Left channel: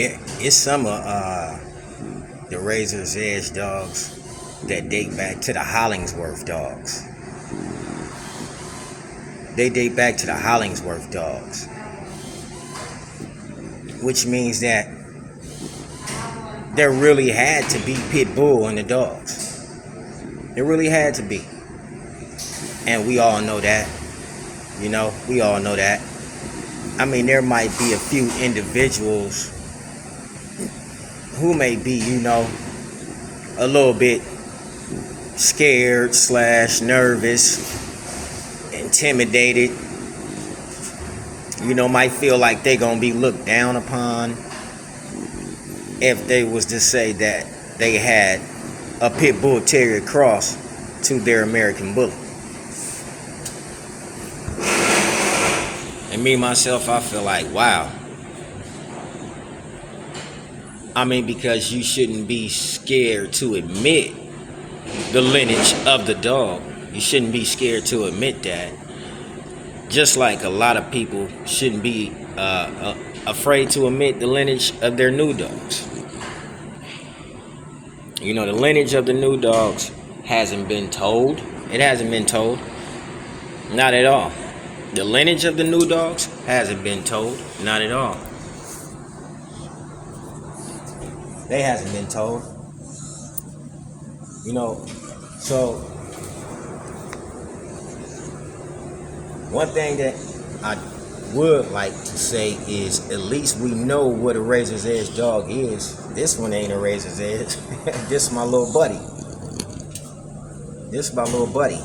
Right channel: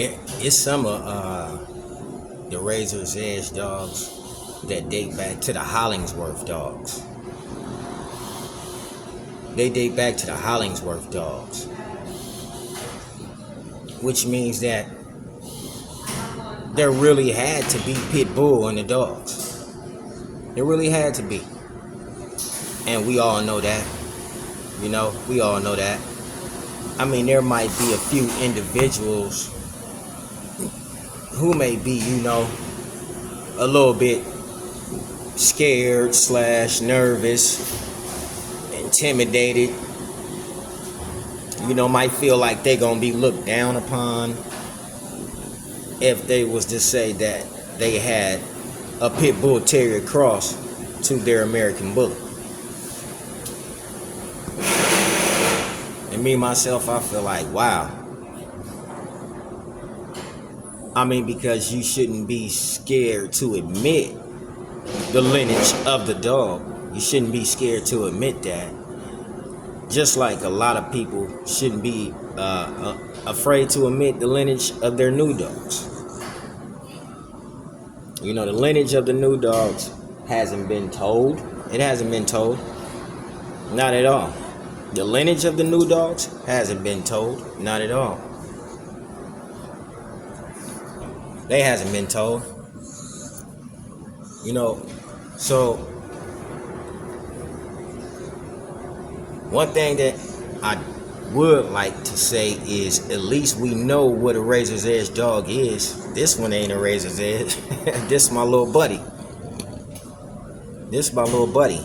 It's some of the Razor's Edge dogs that date back to the Hollingsworth dogs. They date back to the Hollingsworth dogs, which means that there really had to be pit bull in the dogs. There really had to be, and we all know that. You know, we all know that. I mean, there might be a few individuals who may be, you know, a little bit scared / nervous, intimidated, you know, might feel like they're gonna be looked down upon if they was to say that they had a pit bull terrier cross to their American bully. And me myself, I feel like, wow. I mean, because you shouldn't be scared to admit the lineage of the dog. You shouldn't be scared to admit that. Just like a lot of people shouldn't be afraid to admit the lineage of their new dogs. You know, the lineage of the new dogs hasn't been told. It hasn't been told. Not at all. The lineage of the new dogs hasn't been told. Not at all. They hasn't been told. You know, so one thing that I would like to say is at least we know what a Razor's Edge dog is. This one ain't a Razor's Edge. This is my little buddy. This is my little buddy.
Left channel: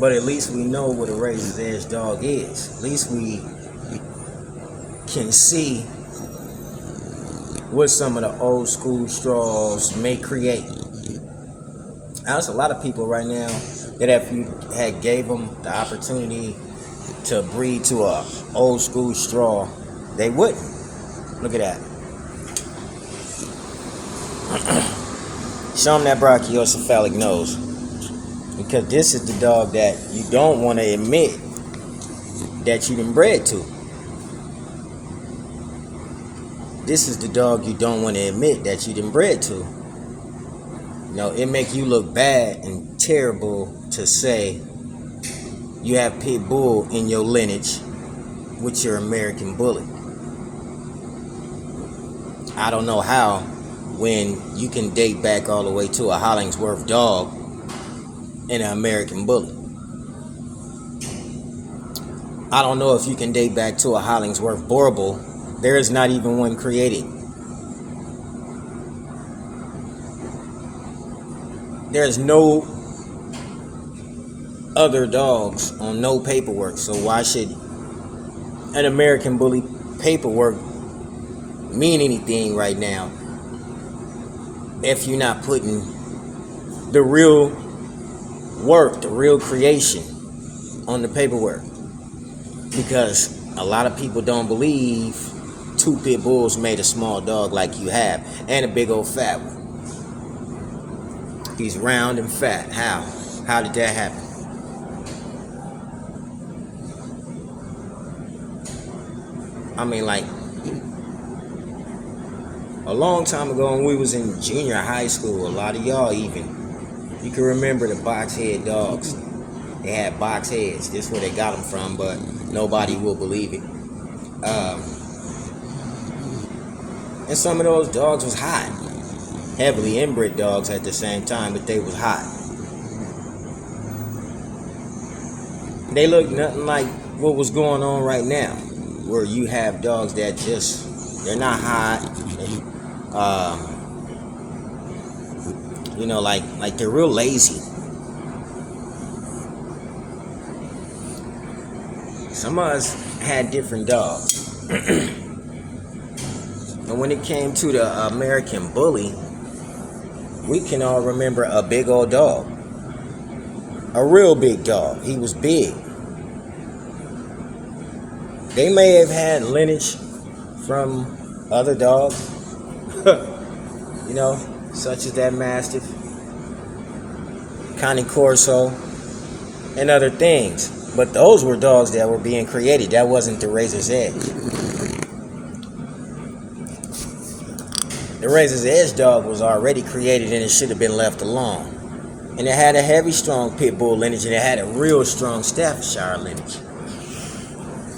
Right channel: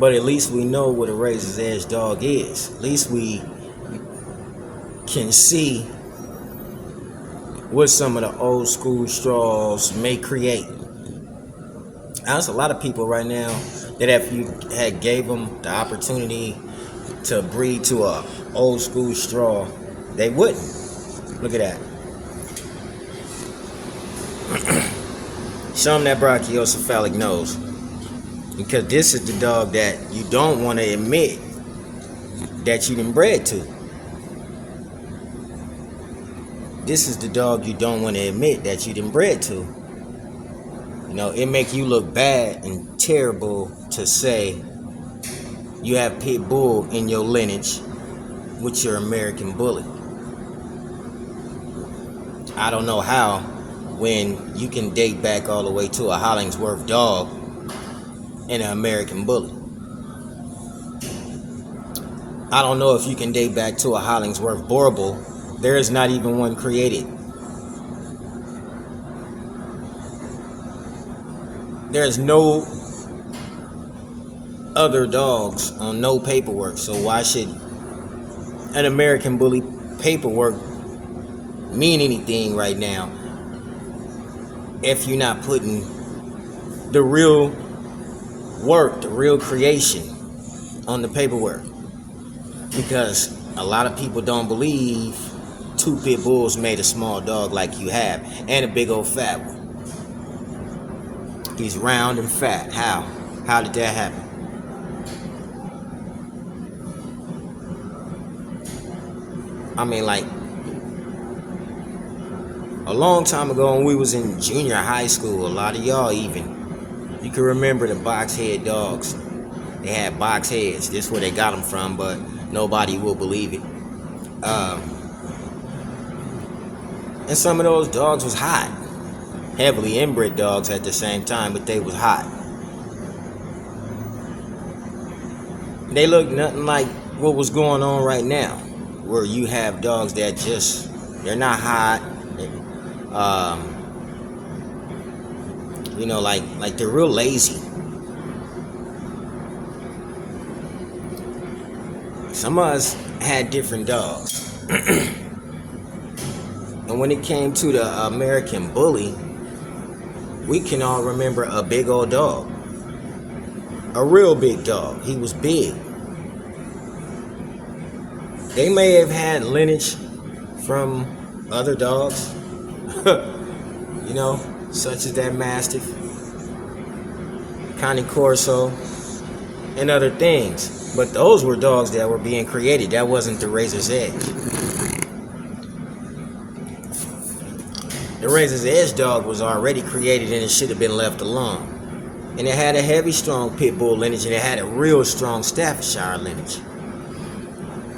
But at least we know what a Razor's Edge dog is. At least we can see what some of the old school straws may create. There's a lot of people right now that if you had gave them the opportunity to breed to a old school straw, they wouldn't. Look at that. Show them that brachiocephalic nose. Because this is the dog that you don't want to admit that you've been bred to. This is the dog you don't want to admit that you done bred to. You know, it make you look bad and terrible to say you have pit bull in your lineage with your American bully. I don't know how when you can date back all the way to a Hollingsworth dog and an American bully. I don't know if you can date back to a Hollingsworth Boerboel. There is not even one created. There's no other dogs on no paperwork, so why should an American bully paperwork mean anything right now if you're not putting the real work, the real creation on the paperwork? Because a lot of people don't believe two pit bulls made a small dog like you have, and a big old fat one. He's round and fat. How did that happen? I mean, like, a long time ago when we was in junior high school, a lot of y'all even, you can remember the box head dogs. They had box heads. That's where they got them from, but nobody will believe it. And some of those dogs was hot. Heavily inbred dogs at the same time, but they was hot. They look nothing like what was going on right now, where you have dogs that just, they're not hot. You know, like they're real lazy. Some of us had different dogs. And when it came to the American bully, we can all remember a big old dog. A real big dog. He was big. They may have had lineage from other dogs, you know, such as that Mastiff, Cane Corso, and other things. But those were dogs that were being created. That wasn't the Razor's Edge. The Razor's Edge dog was already created and it should have been left alone. And it had a heavy, strong pit bull lineage, and it had a real strong Staffordshire lineage.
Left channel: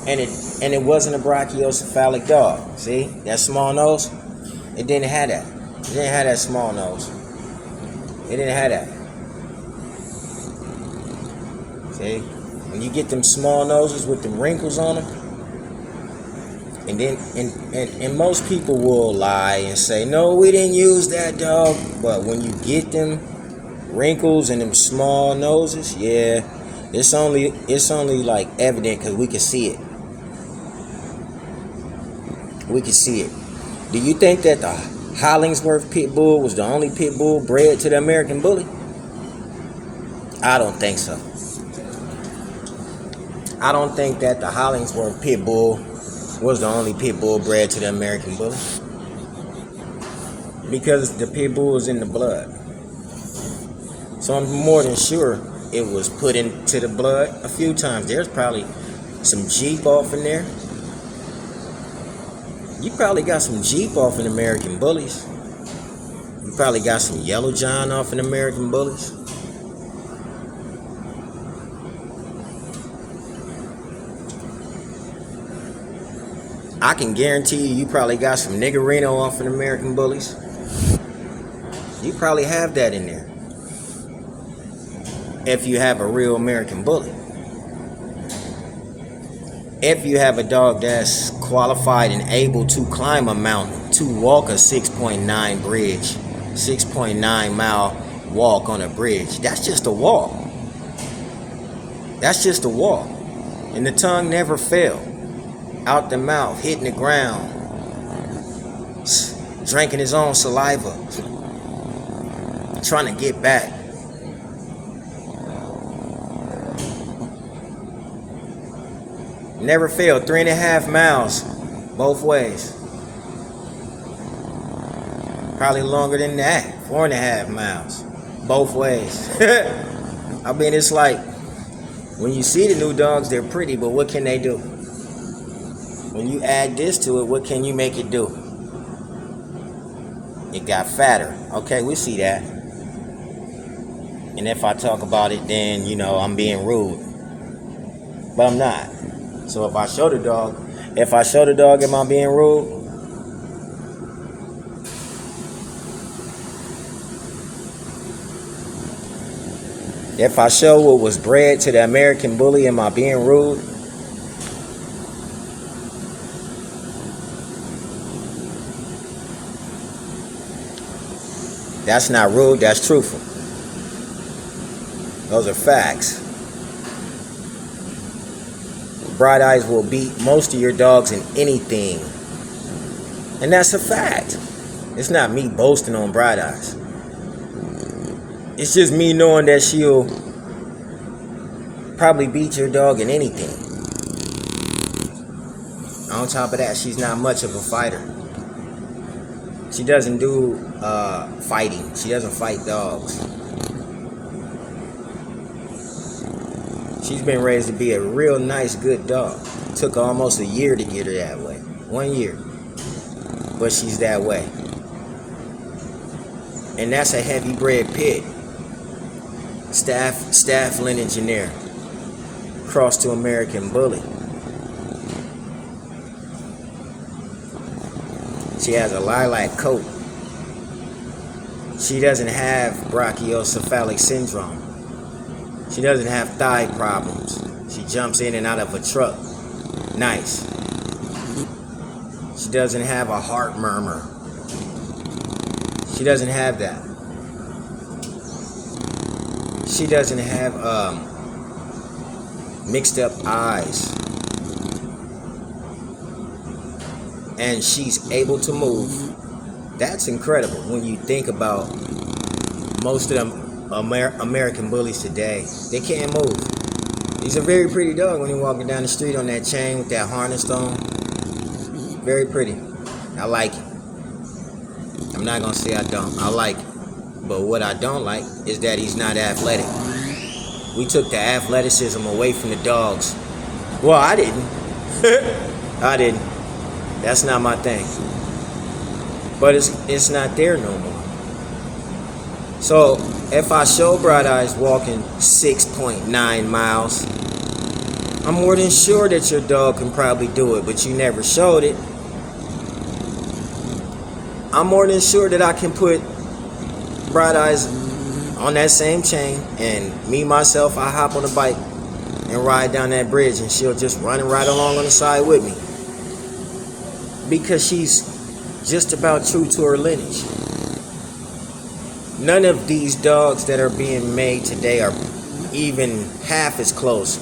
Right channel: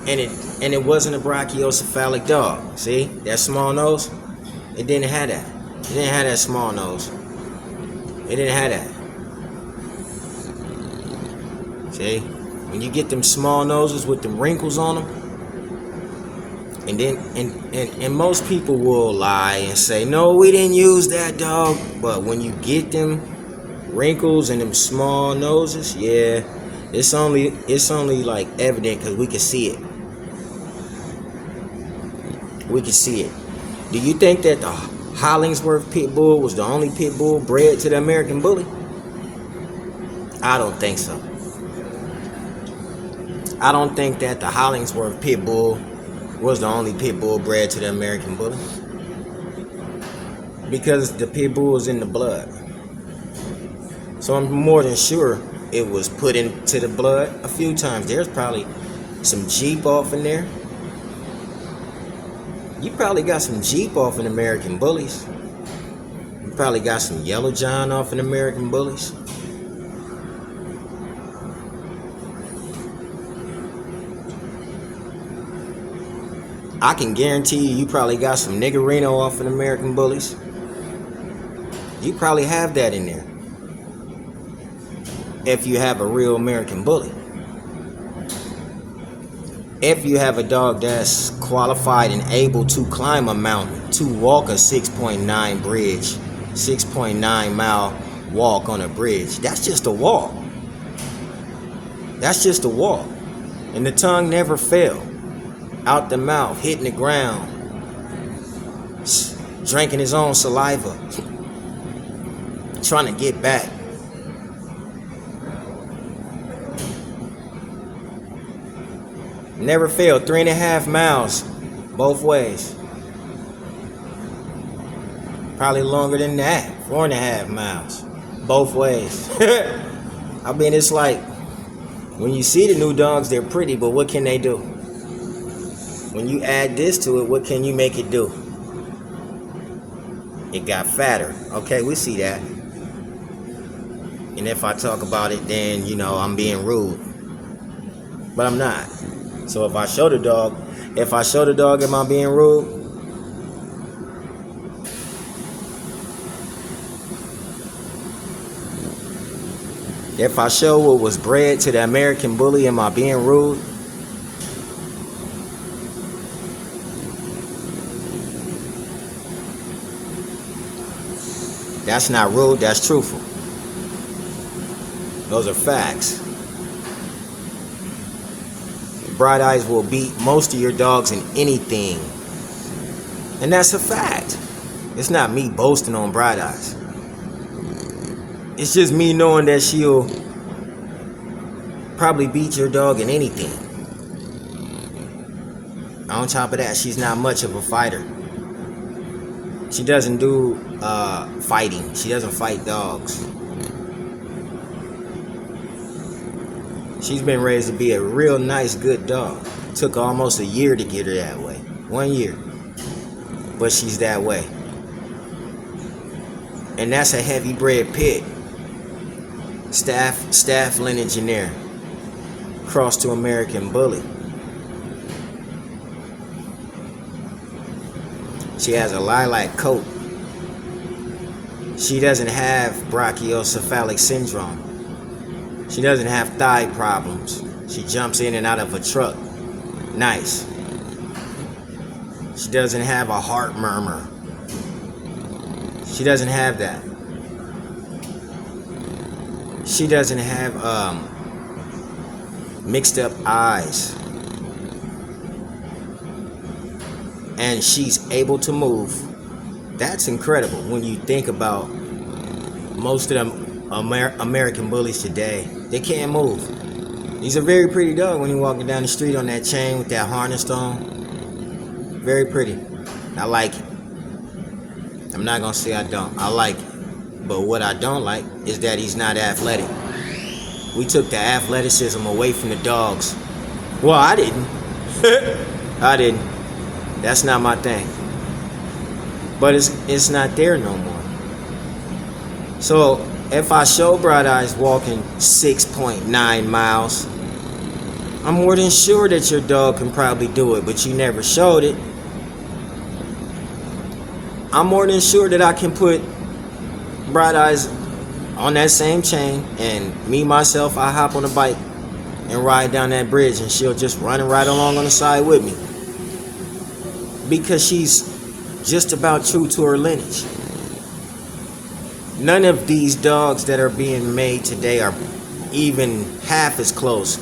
And it wasn't a brachiocephalic dog. See that small nose? It didn't have that. It didn't have that small nose. It didn't have that. See, when you get them small noses with them wrinkles on them, and then and most people will lie and say, no, we didn't use that dog. But when you get them wrinkles and them small noses, yeah, it's only like evident because we can see it. We can see it. Do you think that the Hollingsworth pit bull was the only pit bull bred to the American Bully? I don't think so. I don't think that the Hollingsworth pit bull was the only pit bull bred to the American Bully, because the pit bull is in the blood. So I'm more than sure it was put into the blood a few times. There's probably some Jeep off in there. You probably got some Jeep off in American Bullies. You probably got some Yellow John off in American Bullies. I can guarantee you probably got some Niggerino off in American Bullies. You probably have that in there, if you have a real American Bully. If you have a dog that's qualified and able to climb a mountain, to walk a 6.9 bridge, 6.9 mile walk on a bridge, that's just a walk. That's just a walk. And the tongue never fell out the mouth, hitting the ground, drinking his own saliva, trying to get back. Never failed. 3.5 miles both ways. Probably longer than that. 4.5 miles both ways. I mean, it's like when you see the new dogs, they're pretty, but what can they do? When you add this to it, what can you make it do? It got fatter. Okay, we see that. And if I talk about it, then, you know, I'm being rude. But I'm not. So if I show the dog, am I being rude? If I show what was bred to the American Bully, am I being rude? That's not rude, that's truthful. Those are facts. Bright Eyes will beat most of your dogs in anything. And that's a fact. It's not me boasting on Bright Eyes. It's just me knowing that she'll probably beat your dog in anything. On top of that, she's not much of a fighter. She doesn't do fighting. She doesn't fight dogs. She's been raised to be a real nice, good dog. It took almost a year to get her that way. 1 year. But she's that way. And that's a heavy bred pit. Staff lineage in there. Cross to American Bully. She has a lilac coat. She doesn't have brachiocephalic syndrome. She doesn't have thigh problems. She jumps in and out of a truck. Nice. She doesn't have a heart murmur. She doesn't have that. She doesn't have mixed up eyes. And she's able to move. That's incredible when you think about most of them American Bullies today. They can't move. He's a very pretty dog when you're walking down the street on that chain with that harness on. Very pretty. I like it. I'm not gonna say I don't. I like it. But what I don't like is that he's not athletic. We took the athleticism away from the dogs. Well, I didn't. I didn't. That's not my thing. but it's not there no more. So if I show Bright Eyes walking 6.9 miles, I'm more than sure that your dog can probably do it, but you never showed it. I'm more than sure that I can put Bright Eyes on that same chain, and me myself, I hop on the bike and ride down that bridge, and she'll just run right along on the side with me, because she's just about true to her lineage. None of these dogs that are being made today are even half as close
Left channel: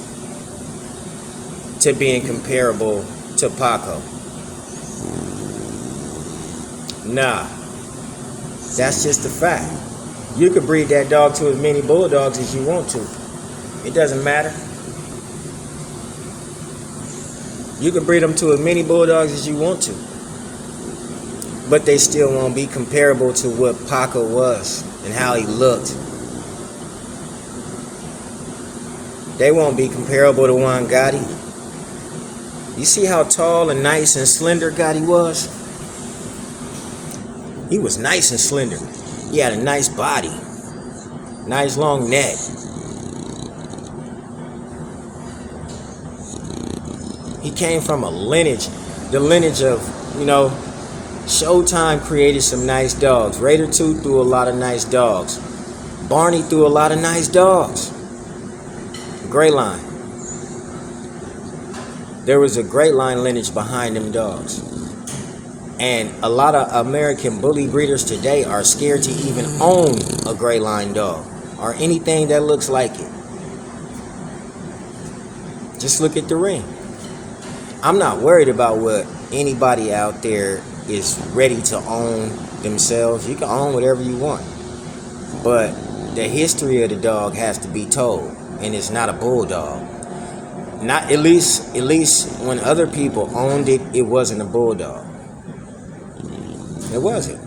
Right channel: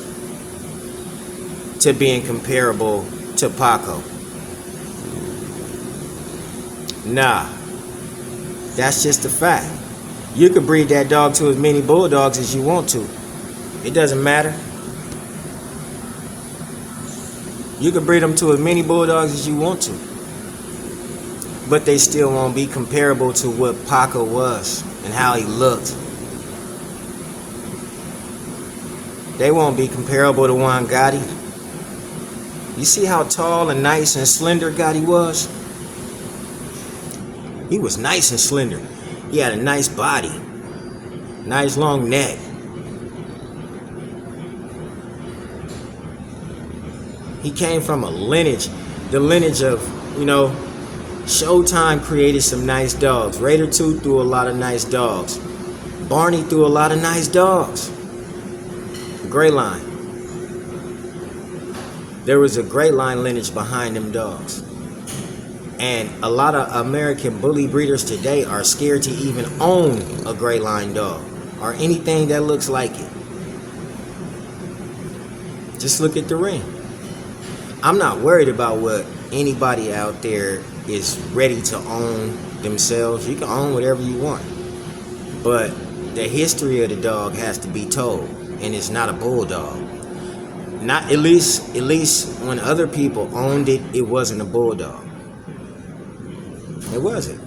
to being comparable to Paco. Nah, that's just a fact. You could breed that dog to as many bulldogs as you want to. It doesn't matter. You can breed them to as many bulldogs as you want to, but they still won't be comparable to what Paco was and how he looked. They won't be comparable to Juan Gotti. You see how tall and nice and slender Gotti was? He was nice and slender. He had a nice body, nice long neck. He came from a lineage, the lineage of, Showtime created some nice dogs. Raider 2 threw a lot of nice dogs. Barney threw a lot of nice dogs. Gray Line. There was a Gray Line lineage behind them dogs. And a lot of American bully breeders today are scared to even own a Gray Line dog or anything that looks like it. Just look at the ring. I'm not worried about what anybody out there is ready to own themselves. You can own whatever you want, but the history of the dog has to be told, and it's not a bulldog. Not at least when other people owned it, it wasn't a bulldog. It wasn't.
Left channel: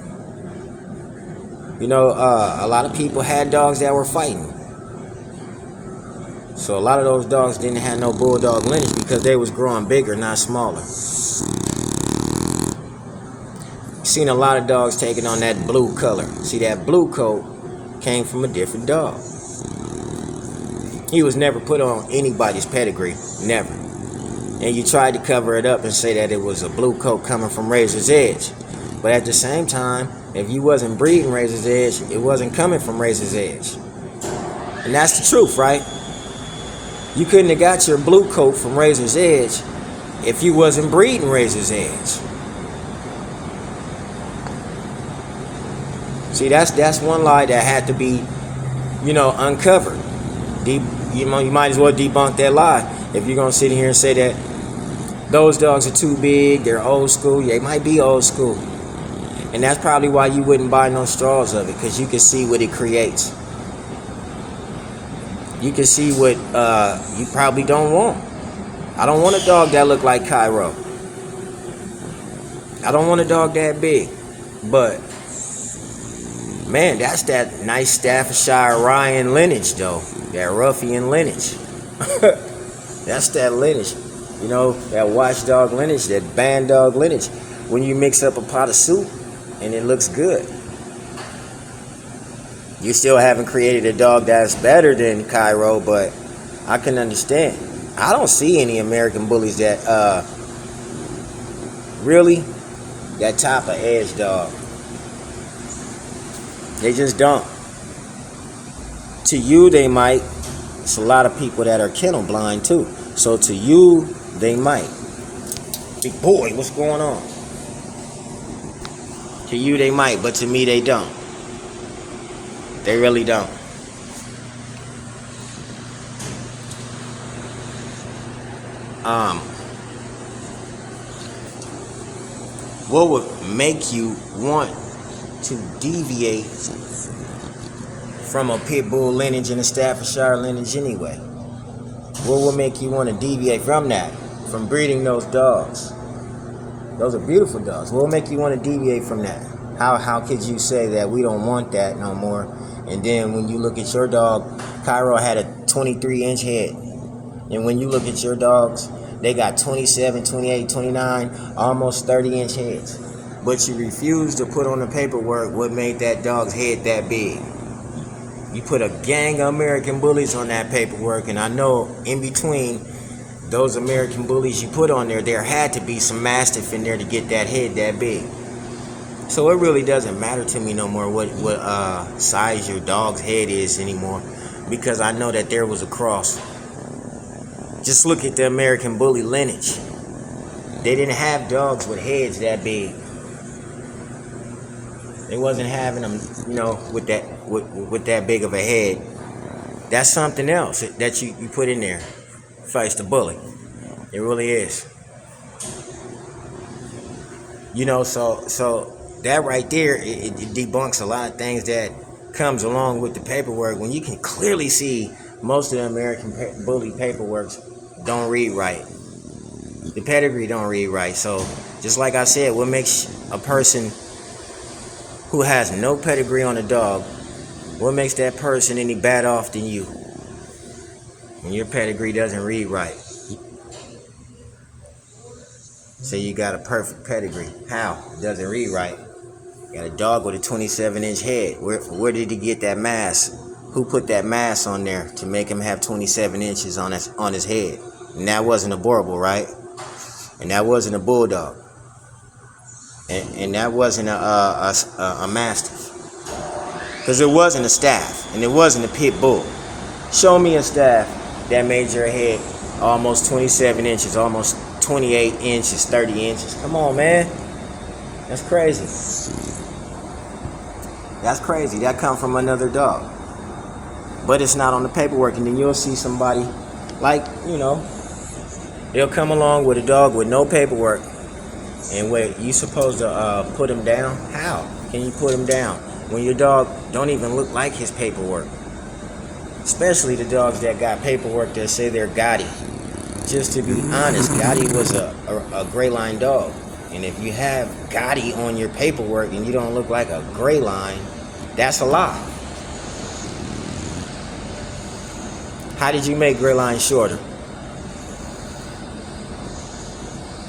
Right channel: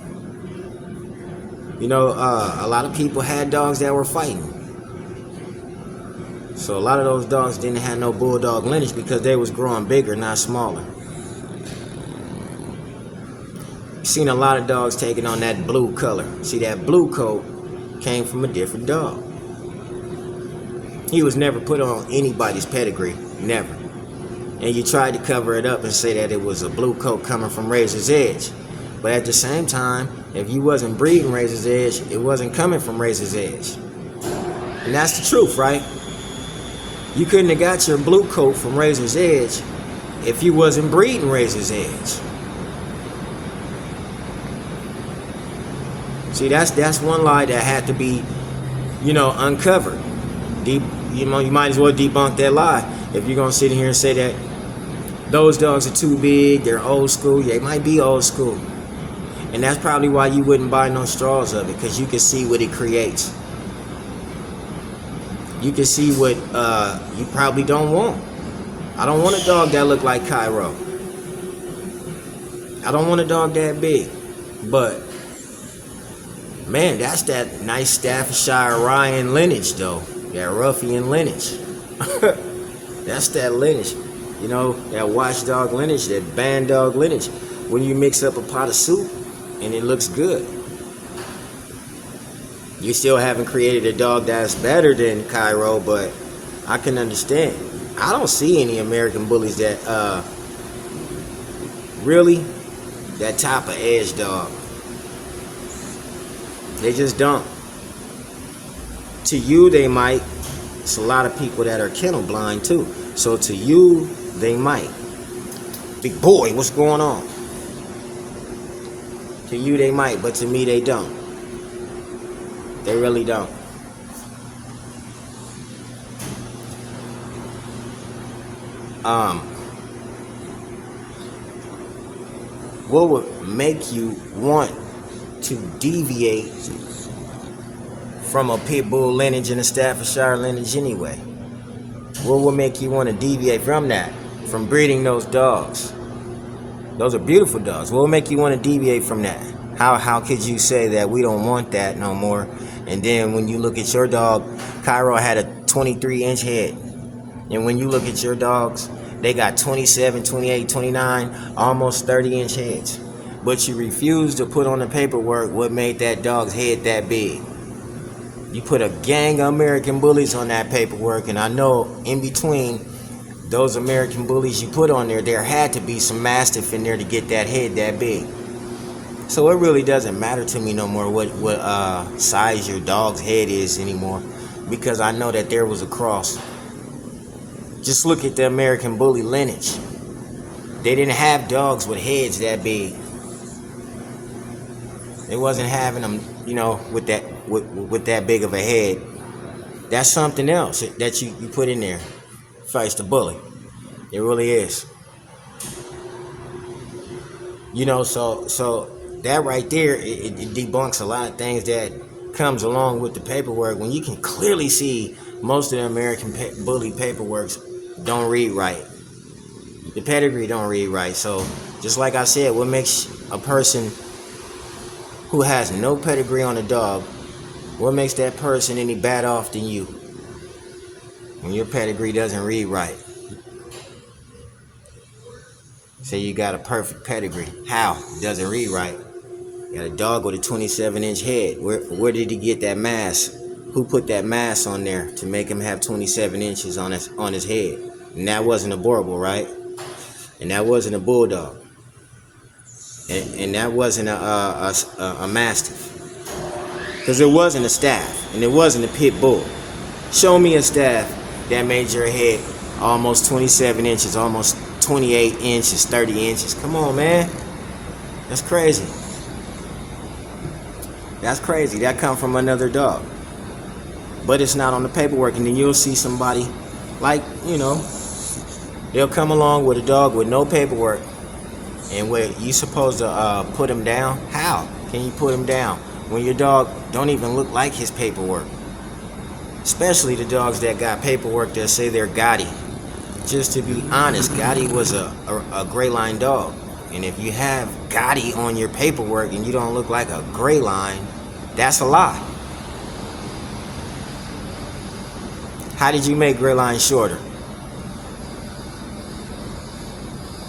A lot of people had dogs that were fighting. So a lot of those dogs didn't have no bulldog lineage because they was growing bigger, not smaller. Seen a lot of dogs taking on that blue color. See, that blue coat came from a different dog. He was never put on anybody's pedigree, never. And you tried to cover it up and say that it was a blue coat coming from Razor's Edge. But at the same time, if you wasn't breeding Razor's Edge, it wasn't coming from Razor's Edge. And that's the truth, right? You couldn't have got your blue coat from Razor's Edge if you wasn't breeding Razor's Edge. See, that's one lie that had to be, uncovered. You might as well debunk that lie if you're gonna sit here and say that those dogs are too big, they're old school. Yeah, they might be old school, and that's probably why you wouldn't buy no straws of it, because you can see what it creates. You can see what you probably don't want. I don't want a dog that look like Cairo. I don't want a dog that big, but man, that's that nice Staffordshire Ryan lineage, though. That ruffian lineage. That's that lineage. That watchdog lineage, that band dog lineage. When you mix up a pot of soup and it looks good, you still haven't created a dog that's better than Cairo, but I can understand. I don't see any American bullies that really that top of edge dog. They just don't. To you, they might. It's a lot of people that are kennel blind too. So to you, they might. Big boy, what's going on? To you, they might, but to me, they don't. They really don't. What would make you want to deviate from a pit bull lineage and a Staffordshire lineage anyway? What would make you want to deviate from that, from breeding those dogs? Those are beautiful dogs. What would make you want to deviate from that? How could you say that we don't want that no more? And then when you look at your dog, Cairo had a 23-inch head. And when you look at your dogs, they got 27, 28, 29, almost 30-inch heads. but you refused to put on the paperwork what made that dog's head that big. You put a gang of American bullies on that paperwork, and I know in between those American bullies you put on there had to be some Mastiff in there to get that head that big. So it really doesn't matter to me no more what size your dog's head is anymore, because I know that there was a cross. Just look at the American bully lineage. They didn't have dogs with heads that big. They wasn't having them, with that big of a head. That's something else that you put in there. Fights the bully. It really is. So that right there, it debunks a lot of things that comes along with the paperwork, when you can clearly see most of the American bully paperworks don't read right. The pedigree don't read right. So just like I said, what makes a person who has no pedigree on a dog, what makes that person any bad off than you? When your pedigree doesn't read right. So you got a perfect pedigree. How? It doesn't read right. You got a dog with a 27-inch head. Where did he get that mass? Who put that mass on there to make him have 27 inches on his head? And that wasn't a Borbal, right? And that wasn't a Bulldog. And that wasn't a Mastiff. Because it wasn't a Staff. And it wasn't a Pit Bull. Show me a Staff that made your head almost 27 inches, almost 28 inches, 30 inches. Come on, man. That's crazy. That's crazy. That come from another dog. But it's not on the paperwork. And then you'll see somebody like, they'll come along with a dog with no paperwork. And what, you supposed to put him down? How can you put him down when your dog don't even look like his paperwork? Especially the dogs that got paperwork that say they're Gotti. Just to be honest, Gotti was a gray line dog. And if you have Gotti on your paperwork and you don't look like a gray line, that's a lie. How did you make gray line shorter?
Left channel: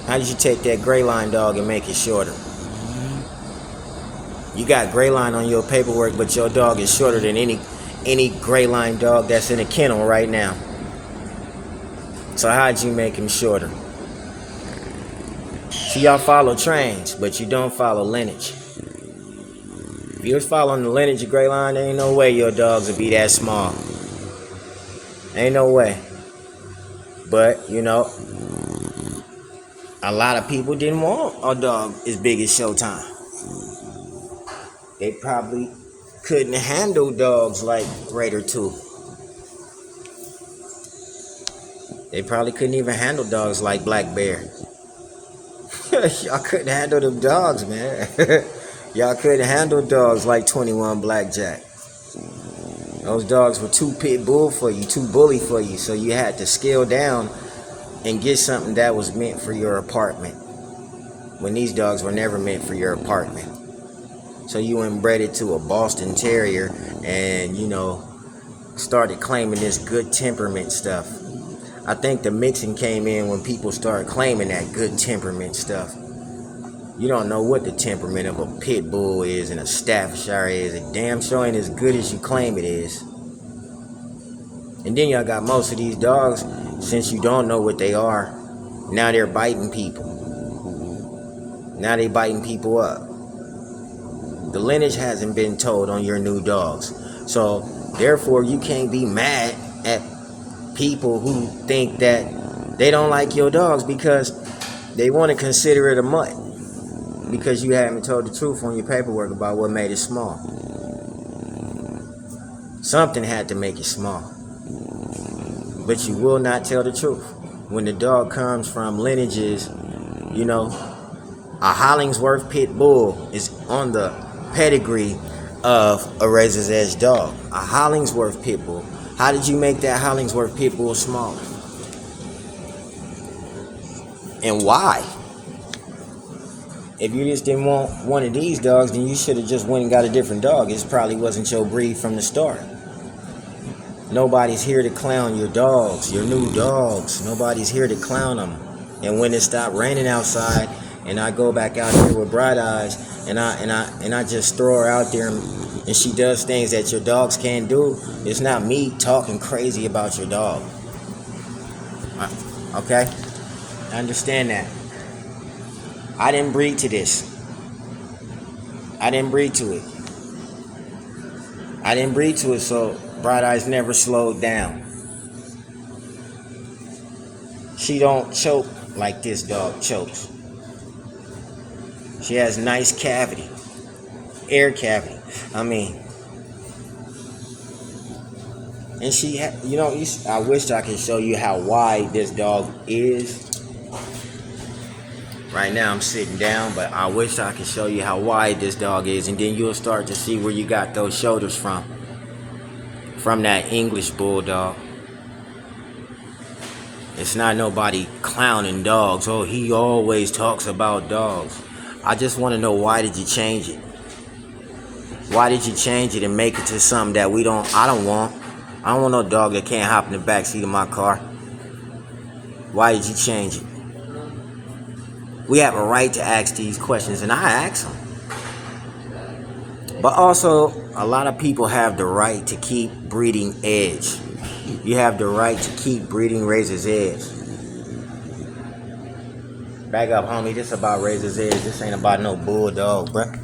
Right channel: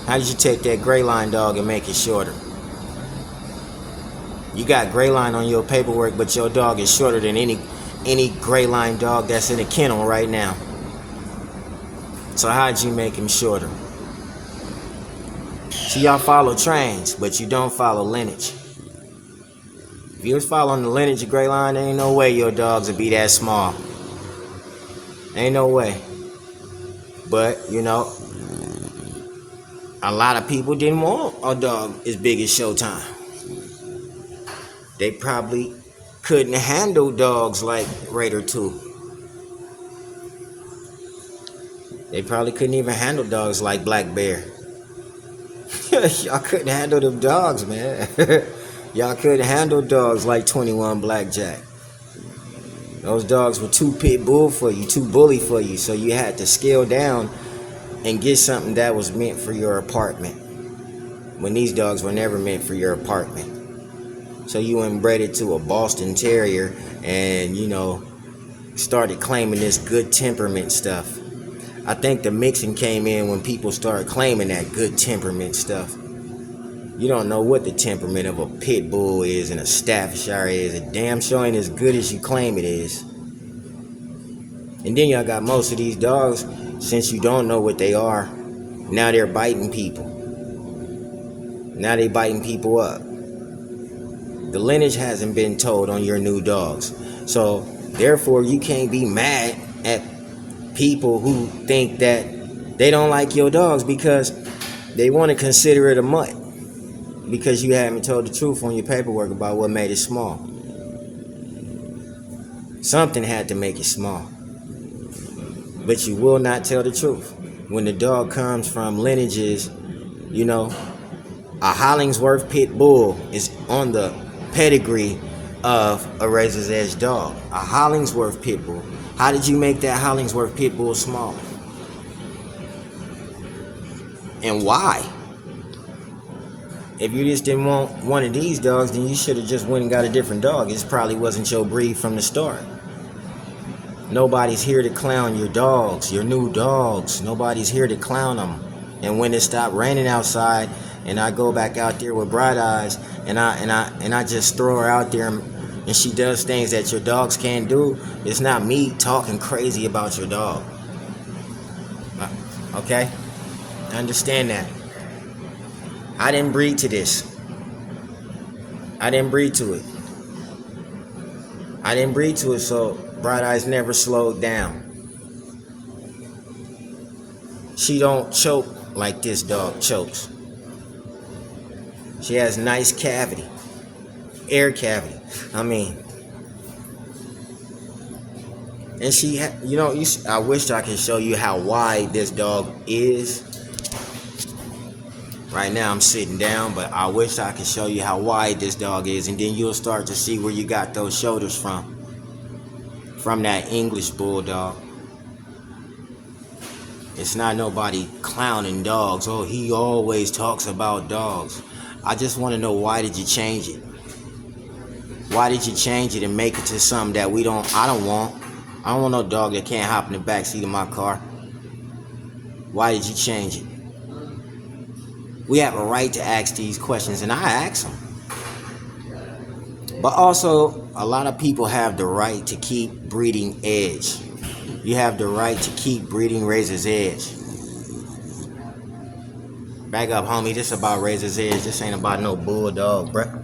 How did you take that gray line dog and make it shorter? You got gray line on your paperwork, but your dog is shorter than any gray line dog that's in a kennel right now. So how'd you make him shorter? See, y'all follow trains, but you don't follow lineage. If you was following the lineage of gray line, there ain't no way your dogs would be that small. Ain't no way. But, a lot of people didn't want a dog as big as Showtime. They probably couldn't handle dogs like Raider 2. They probably couldn't even handle dogs like Black Bear. Y'all couldn't handle them dogs, man. Y'all couldn't handle dogs like 21 Blackjack. Those dogs were too pit bull for you, too bully for you, so you had to scale down and get something that was meant for your apartment, when these dogs were never meant for your apartment. So you inbred it to a Boston Terrier and, started claiming this good temperament stuff. I think the mixing came in when people started claiming that good temperament stuff. You don't know what the temperament of a pit bull is and a Staffordshire is. It damn sure ain't as good as you claim it is. And then y'all got most of these dogs, since you don't know what they are, now they're biting people. Now they biting people up. The lineage hasn't been told on your new dogs. So therefore you can't be mad at people who think that they don't like your dogs because they want to consider it a mutt. Because you haven't told the truth on your paperwork about what made it small. Something had to make it small. But you will not tell the truth. When the dog comes from lineages, a Hollingsworth Pit Bull is on the pedigree of a Razor's Edge dog. A Hollingsworth Pit Bull. How did you make that Hollingsworth Pit Bull smaller? And why? If you just didn't want one of these dogs, then you should have just went and got a different dog. It probably wasn't your breed from the start. Nobody's here to clown your dogs, your new dogs. Nobody's here to clown them. And when it stopped raining outside and I go back out there with Bright Eyes, and I just throw her out there, and she does things that your dogs can't do, it's not me talking crazy about your dog. Okay? Understand that. I didn't breed to this. I didn't breed to it. I didn't breed to it, so Bright Eyes never slowed down. She don't choke like this dog chokes. She has nice cavity, air cavity. I mean, and I wish I could show you how wide this dog is. Right now I'm sitting down, but I wish I could show you how wide this dog is, and then you'll start to see where you got those shoulders from. From that English bulldog. It's not nobody clowning dogs. Oh, he always talks about dogs. I just want to know, why did you change it? Why did you change it and make it to something that I don't want? I don't want no dog that can't hop in the backseat of my car. Why did you change it? We have a right to ask these questions, and I ask them. But also, a lot of people have the right to keep breeding Edge. You have the right to keep breeding Razor's Edge. Back up, homie. This about Razor's Edge. This ain't about no bulldog, bruh.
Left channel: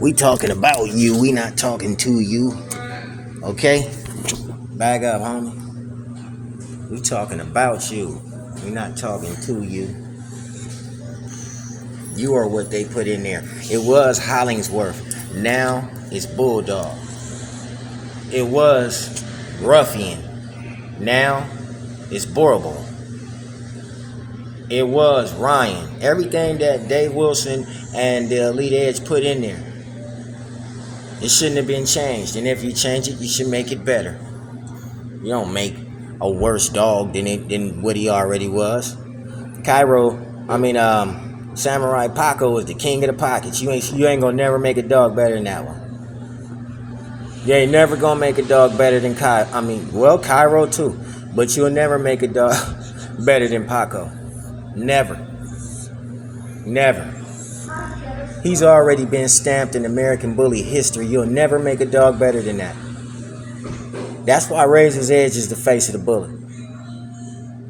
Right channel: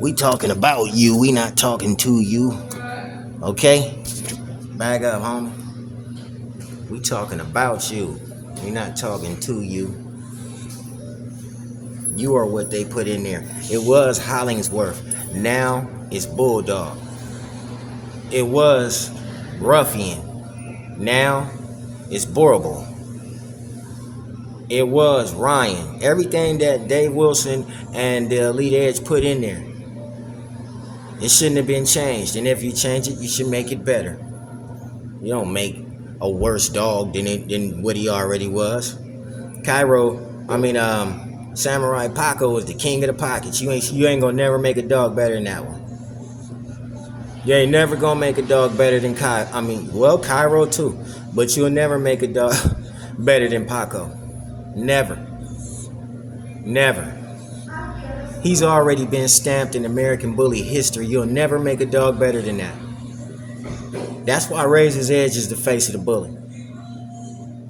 We talking about you. We not talking to you. Okay? Back up, homie. We talking about you. We not talking to you. You are what they put in there. It was Hollingsworth. Now it's Bulldog. It was Ruffian. Now it's Boerboel. It was Ryan. Everything that Dave Wilson and the Elite Edge put in there, it shouldn't have been changed. And if you change it, you should make it better. You don't make a worse dog than what he already was. Samurai Paco was the king of the pockets. You ain't gonna never make a dog better than that one. You ain't never gonna make a dog better than Cairo too. But you'll never make a dog better than Paco. Never. Never. He's already been stamped in American Bully history. You'll never make a dog better than that. That's why Razor's Edge is the face of the bully.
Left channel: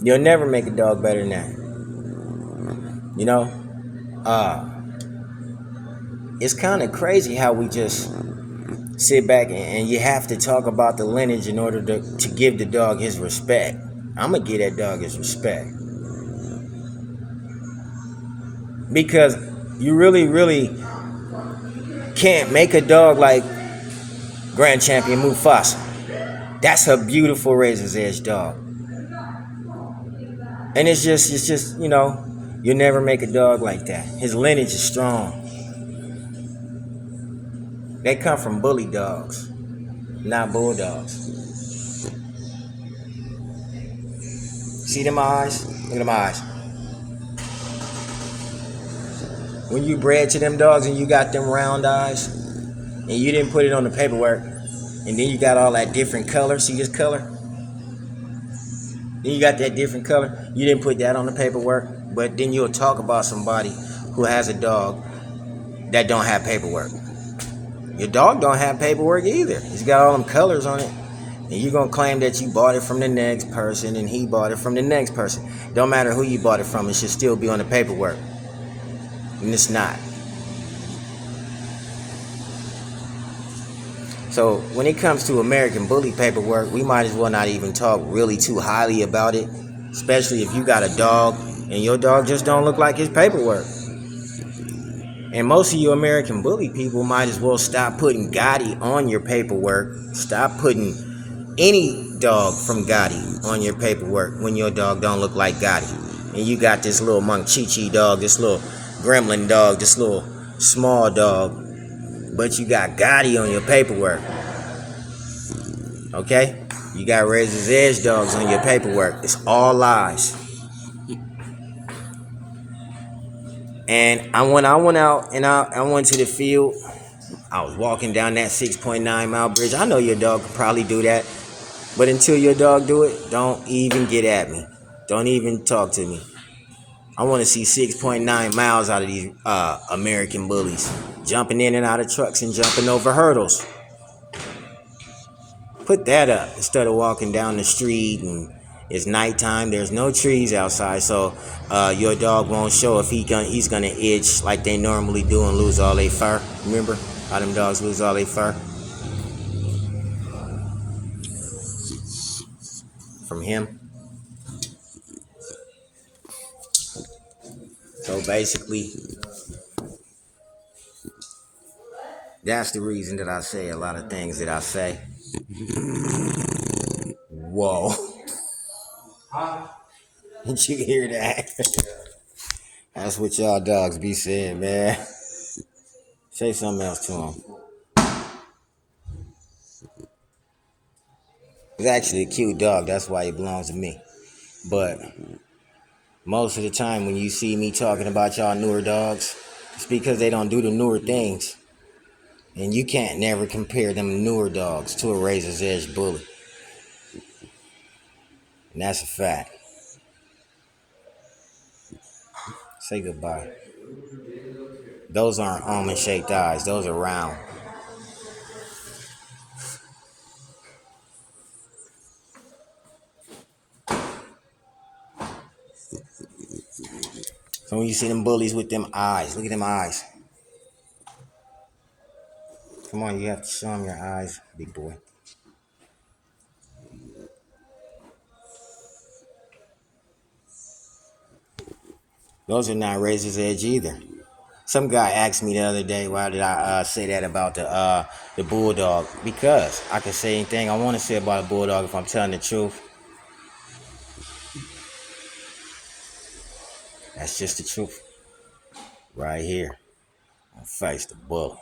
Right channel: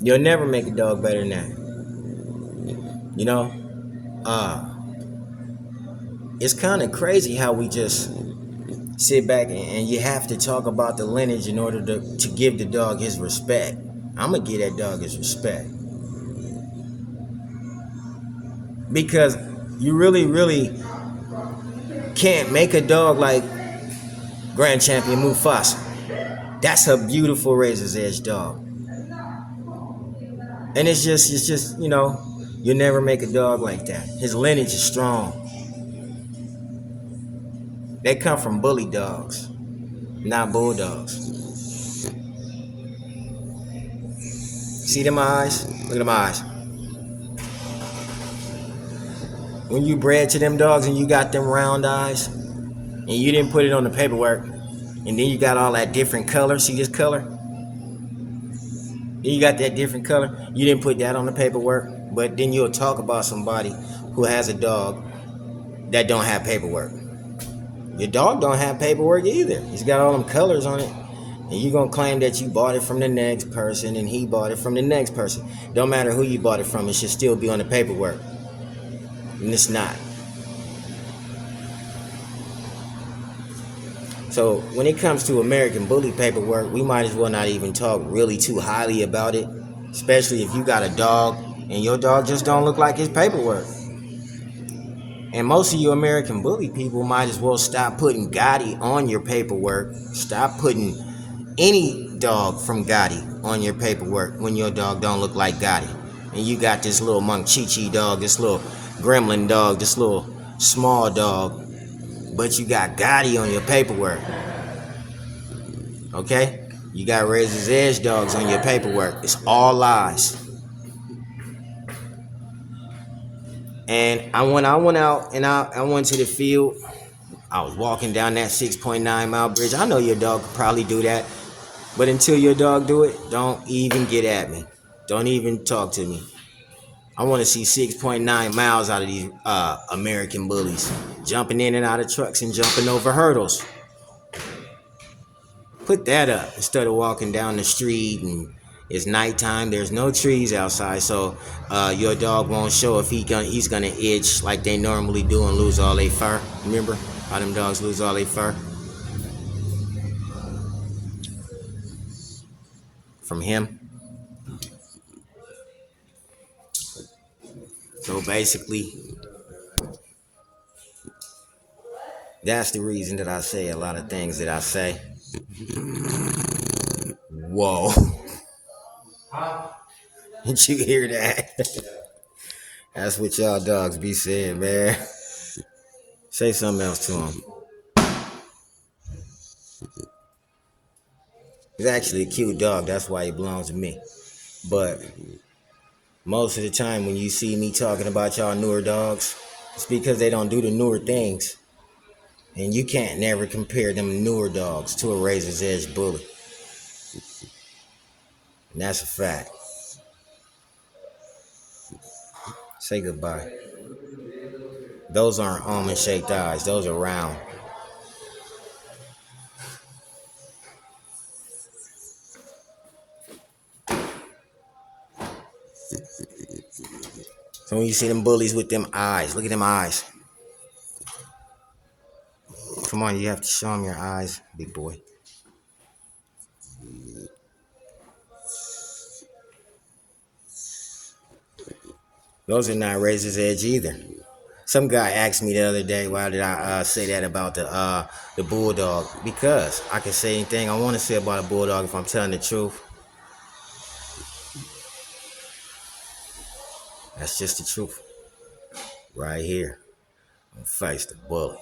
You'll never make a dog better than that. You know? It's kind of crazy how we just sit back and you have to talk about the lineage in order to give the dog his respect. I'm going to give that dog his respect. Because you really, really can't make a dog like Grand Champion Mufasa. That's a beautiful Razor's Edge dog. And it's just, you'll never make a dog like that. His lineage is strong. They come from bully dogs, not bulldogs. See them eyes? Look at them eyes. When you bred to them dogs and you got them round eyes, and you didn't put it on the paperwork, and then you got all that different color, see this color? Then you got that different color, you didn't put that on the paperwork, but then you'll talk about somebody who has a dog that don't have paperwork. Your dog don't have paperwork either. He's got all them colors on it. And you're going to claim that you bought it from the next person and he bought it from the next person. Don't matter who you bought it from, it should still be on the paperwork. And it's not. So when it comes to American Bully paperwork, we might as well not even talk really too highly about it. Especially if you got a dog and your dog just don't look like his paperwork. And most of you American Bully people might as well stop putting Gotti on your paperwork. Stop putting any dog from Gotti on your paperwork when your dog don't look like Gotti. And you got this little Monk Chi-Chi dog, this little gremlin dog, this little small dog, but you got Gotti on your paperwork. Okay? You got Razor's Edge dogs on your paperwork. It's all lies. And when I went out and I went to the field, I was walking down that 6.9 mile bridge. I know your dog could probably do that. But until your dog do it, don't even get at me. Don't even talk to me. I want to see 6.9 miles out of these American bullies, jumping in and out of trucks and jumping over hurdles. Put that up instead of walking down the street and it's nighttime. There's no trees outside, so your dog won't show if he's gonna itch like they normally do and lose all their fur. Remember how them dogs lose all their fur from him? So basically, that's the reason that I say a lot of things that I say. Whoa. Did you hear that? That's what y'all dogs be saying, man. Say something else to him. He's actually a cute dog. That's why he belongs to me. But most of the time when you see me talking about y'all newer dogs, it's because they don't do the newer things. And you can't never compare them newer dogs to a razor's edge bully. And that's a fact. Say goodbye. Those aren't almond-shaped eyes. Those are round. So when you see them bullies with them eyes, look at them eyes. Come on, you have to show them your eyes, big boy. Those are not razor's edge either. Some guy asked me the other day, why did I say that about the bulldog? Because I can say anything I want to say about a bulldog if I'm telling the truth. That's just the truth. Right here. On Face the Bully.